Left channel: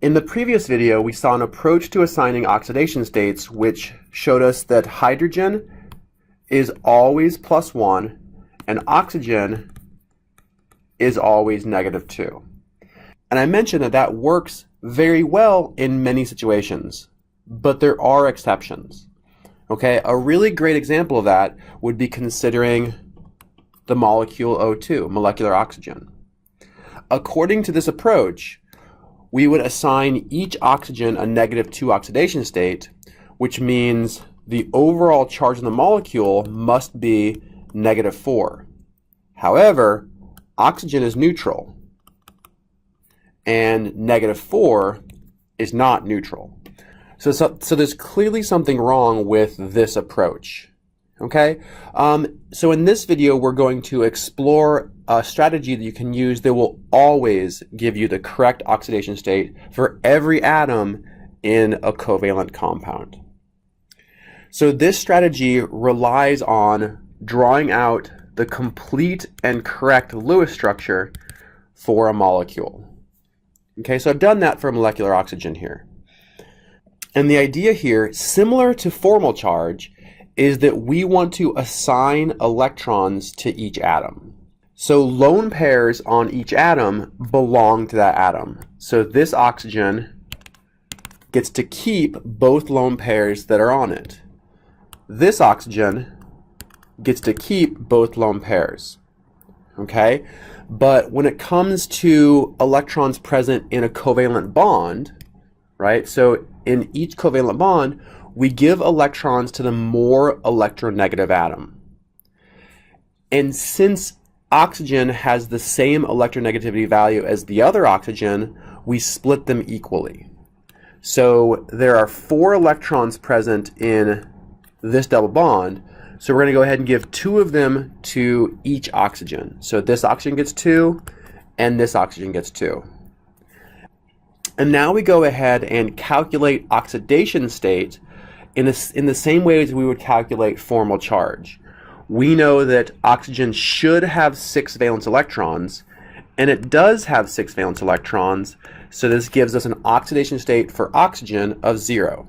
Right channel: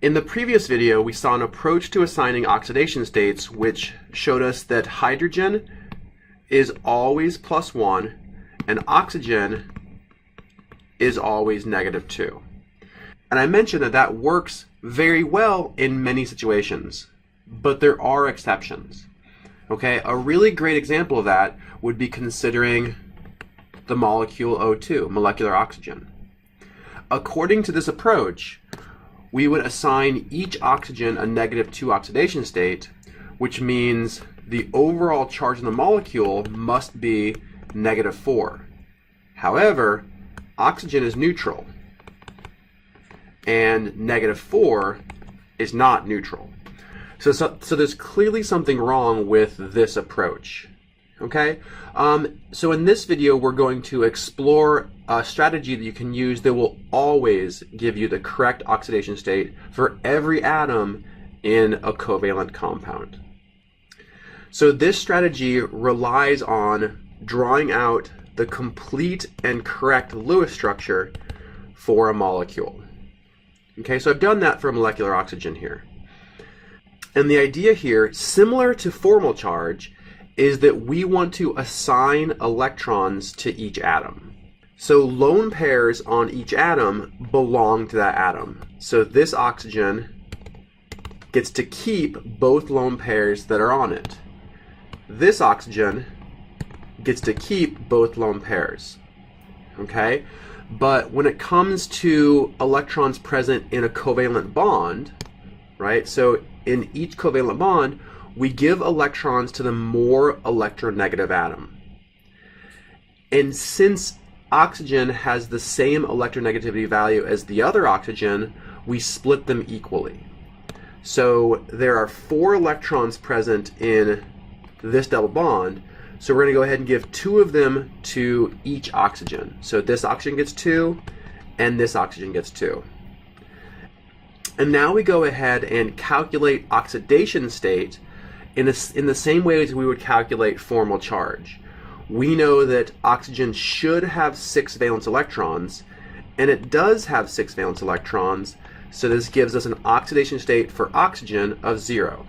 In the previous video, we saw an approach to assigning oxidation states which showed us that hydrogen is always +1 and oxygen is always -2. And I mentioned that that works very well in many situations, but there are exceptions. Okay, a really great example of that would be considering the molecule O2, molecular oxygen. According to this approach, we would assign each oxygen a -2 oxidation state, which means the overall charge in the molecule must be -4. However, oxygen is neutral, and -4 is not neutral. So there's clearly something wrong with this approach. Okay, so in this video we're going to explore a strategy that you can use that will always give you the correct oxidation state for every atom in a covalent compound. So this strategy relies on drawing out the complete and correct Lewis structure for a molecule. Okay, so I've done that for molecular oxygen here. And the idea here, similar to formal charge, is that we want to assign electrons to each atom. So lone pairs on each atom belong to that atom. So this oxygen gets to keep both lone pairs that are on it. This oxygen gets to keep both lone pairs. Okay? But when it comes to electrons present in a covalent bond, right? So in each covalent bond, we give electrons to the more electronegative atom. And since oxygen has the same electronegativity value as the other oxygen, we split them equally. So there are 4 electrons present in this double bond, so we're going to go ahead and give 2 of them to each oxygen. So this oxygen gets 2, and this oxygen gets 2. And now we go ahead and calculate oxidation state in the same way as we would calculate formal charge. We know that oxygen should have 6 valence electrons, and it does have 6 valence electrons, so this gives us an oxidation state for oxygen of 0.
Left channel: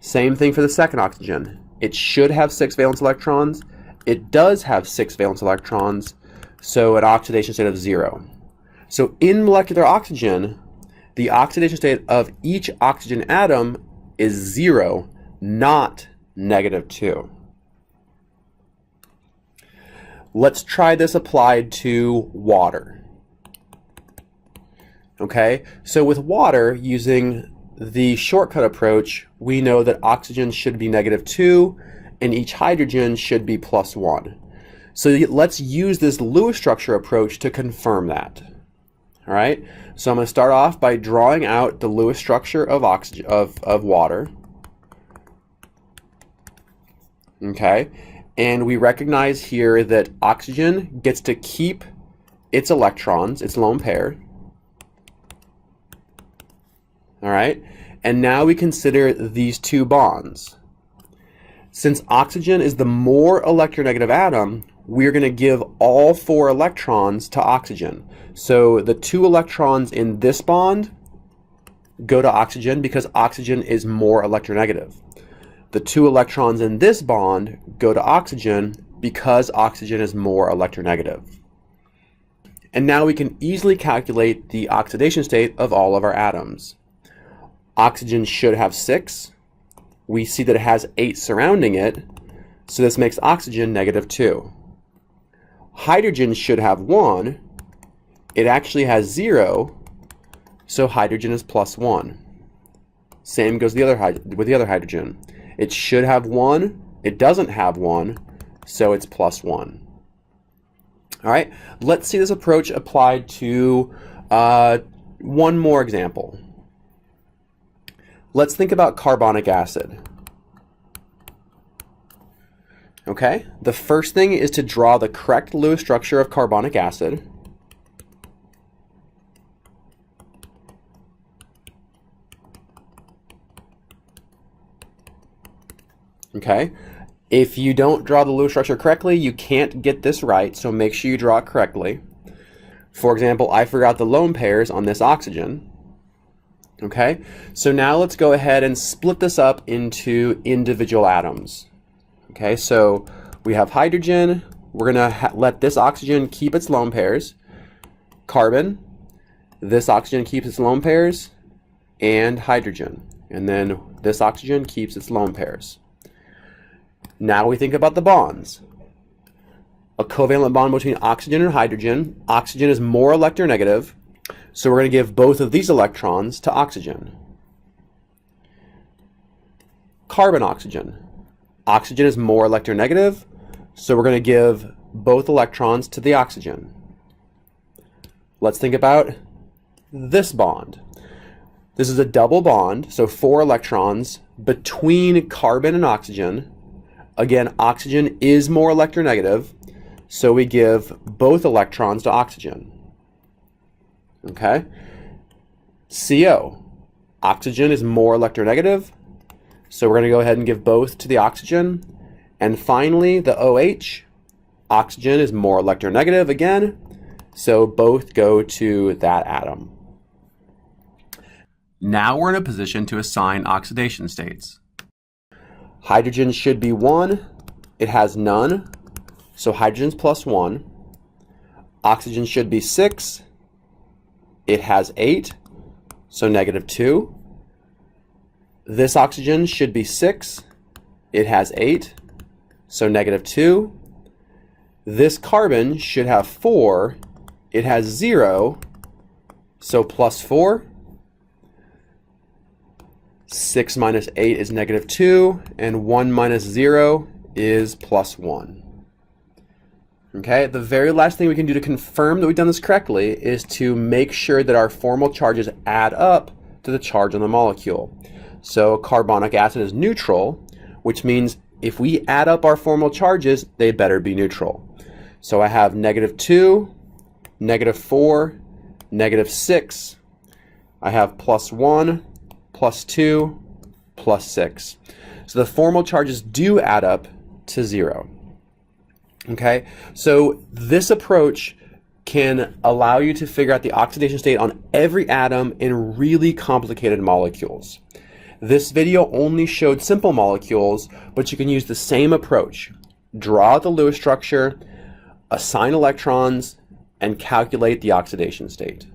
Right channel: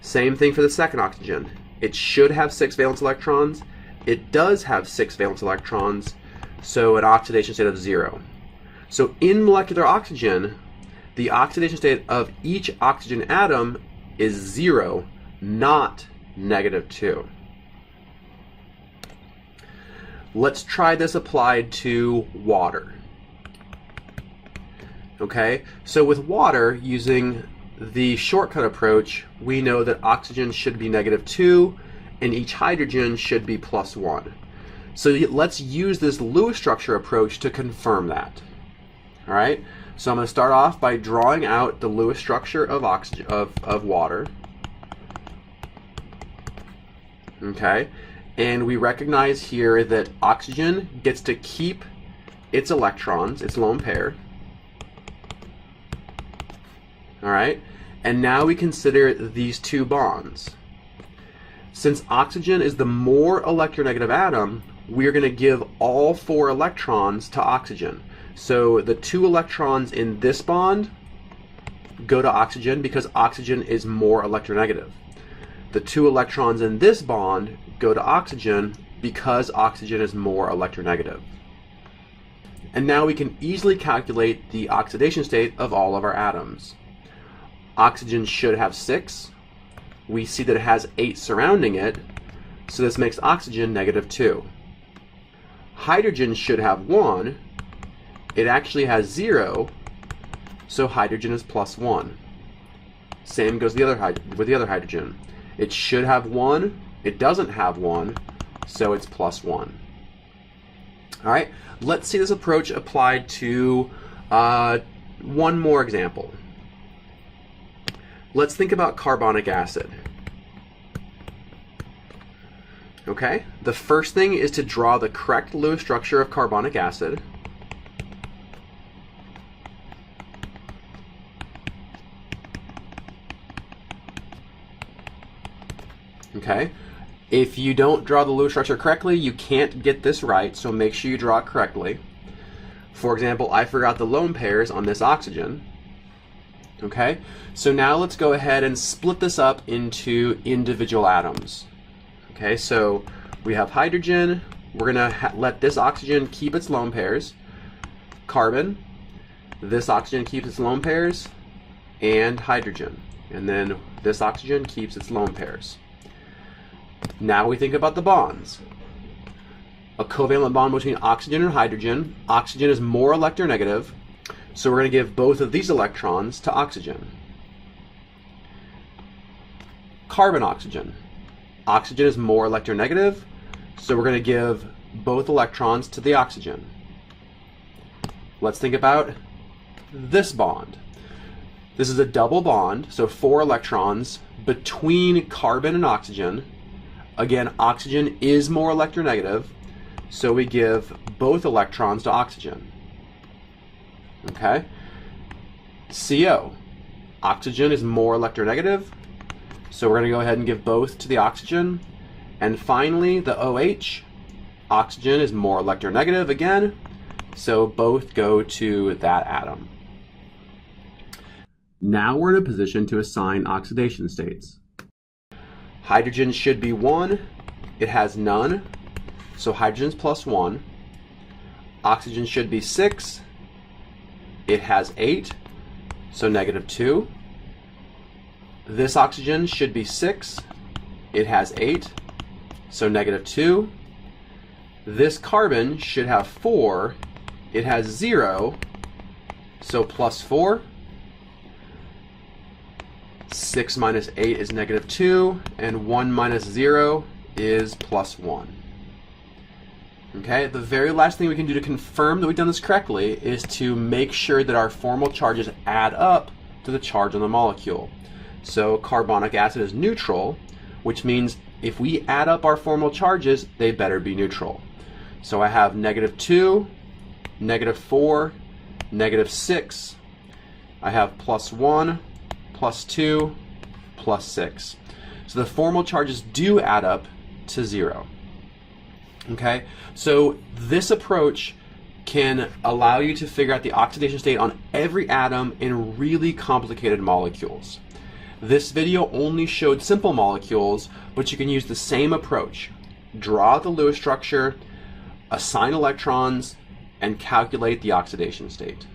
Same thing for the second oxygen. It should have 6 valence electrons. It does have 6 valence electrons, so an oxidation state of 0. So in molecular oxygen, the oxidation state of each oxygen atom is 0, not -2. Let's try this applied to water. Okay, so with water, using the shortcut approach, we know that oxygen should be -2 and each hydrogen should be +1. So let's use this Lewis structure approach to confirm that. All right, so I'm going to start off by drawing out the Lewis structure of water. Okay, and we recognize here that oxygen gets to keep its electrons, its lone pair. All right, and now we consider these 2 bonds. Since oxygen is the more electronegative atom, we're going to give all 4 electrons to oxygen. So the 2 electrons in this bond go to oxygen because oxygen is more electronegative. The 2 electrons in this bond go to oxygen because oxygen is more electronegative. And now we can easily calculate the oxidation state of all of our atoms. Oxygen should have 6. We see that it has 8 surrounding it, so this makes oxygen -2. Hydrogen should have 1. It actually has 0, so hydrogen is +1. Same goes with the other hydrogen. It should have 1. It doesn't have 1, so it's +1. All right, let's see this approach applied to one more example. Let's think about carbonic acid. Okay, the first thing is to draw the correct Lewis structure of carbonic acid. Okay, if you don't draw the Lewis structure correctly, you can't get this right, so make sure you draw it correctly. For example, I forgot the lone pairs on this oxygen. Okay, so now let's go ahead and split this up into individual atoms. Okay, so we have hydrogen. We're going to let this oxygen keep its lone pairs. Carbon. This oxygen keeps its lone pairs. And hydrogen. And then this oxygen keeps its lone pairs. Now we think about the bonds. A covalent bond between oxygen and hydrogen. Oxygen is more electronegative, so we're going to give both of these electrons to oxygen. Carbon-oxygen. Oxygen is more electronegative, so we're going to give both electrons to the oxygen. Let's think about this bond. This is a double bond, so 4 electrons between carbon and oxygen. Again, oxygen is more electronegative, so we give both electrons to oxygen. Okay? CO. Oxygen is more electronegative, so we're going to go ahead and give both to the oxygen. And finally, the OH. Oxygen is more electronegative again, so both go to that atom. Now we're in a position to assign oxidation states. Hydrogen should be 1. It has none, so hydrogen's +1. Oxygen should be 6. It has 8, so -2. This oxygen should be 6. It has 8, so -2. This carbon should have 4. It has 0, so +4. 6 minus 8 is -2, and 1 minus 0 is +1. Okay, the very last thing we can do to confirm that we've done this correctly is to make sure that our formal charges add up to the charge on the molecule. So carbonic acid is neutral, which means if we add up our formal charges, they better be neutral. So I have -2, -4, -6. I have +1, +2, +6. So the formal charges do add up to 0. Okay, so this approach can allow you to figure out the oxidation state on every atom in really complicated molecules. This video only showed simple molecules, but you can use the same approach. Draw the Lewis structure, assign electrons, and calculate the oxidation state.